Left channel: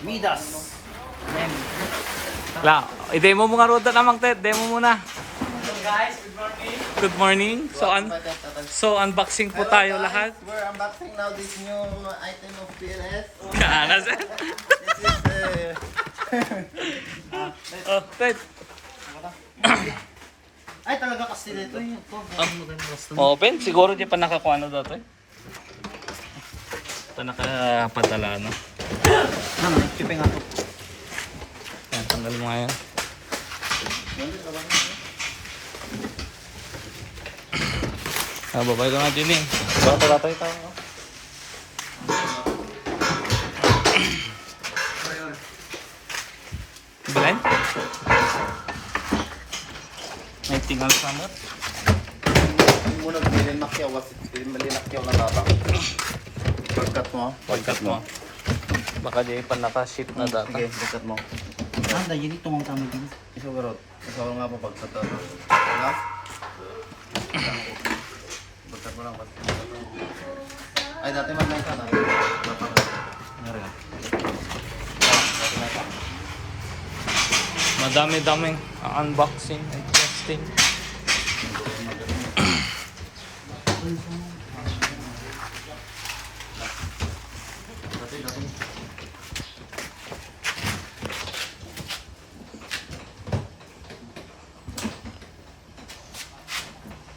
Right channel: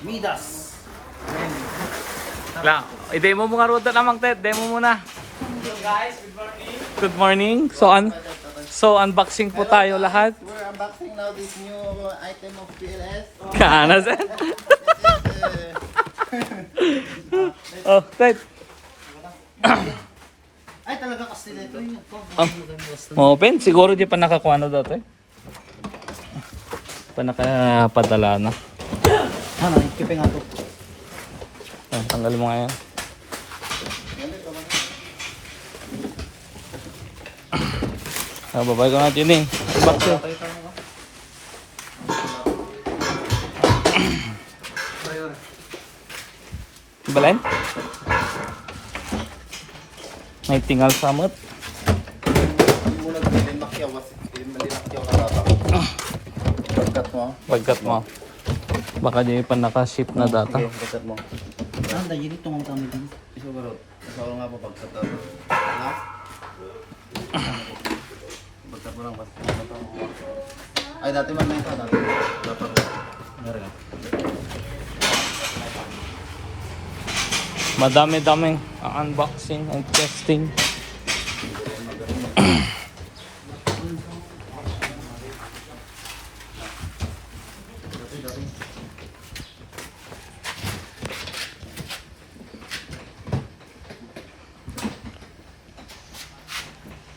Midas. La, i-demo mo nga roda namang Ted. Demo muna. Guys, good morning. Good morning. So unboxing po tayo lahat. We're unboxing now this new item of PLS. Kaana Ted. Oh, Ted. Ay, talaga kasi dito yun. Open. Siguro di pa nakakuha na dati. Pa nakapadala na. Ano, pipi nga to. Tanggal mo nga yan. Babay ko nga din eh. Patay tayo. Balen? May tingal samot. Muna malinakyaw kasi malinakyaw na data. Pagkat mo. Pagkat mo. Baka di pa nakaship na data. Sige, pagkat mo. Ah, dahil ito ang kami din. Iso garot. Iso nga pa pagkat data. Wala? Pagkat mo lang ba? Ay, dati man lang ka. Dati. Dapat. Meron. Madami-daming unboxing and testing.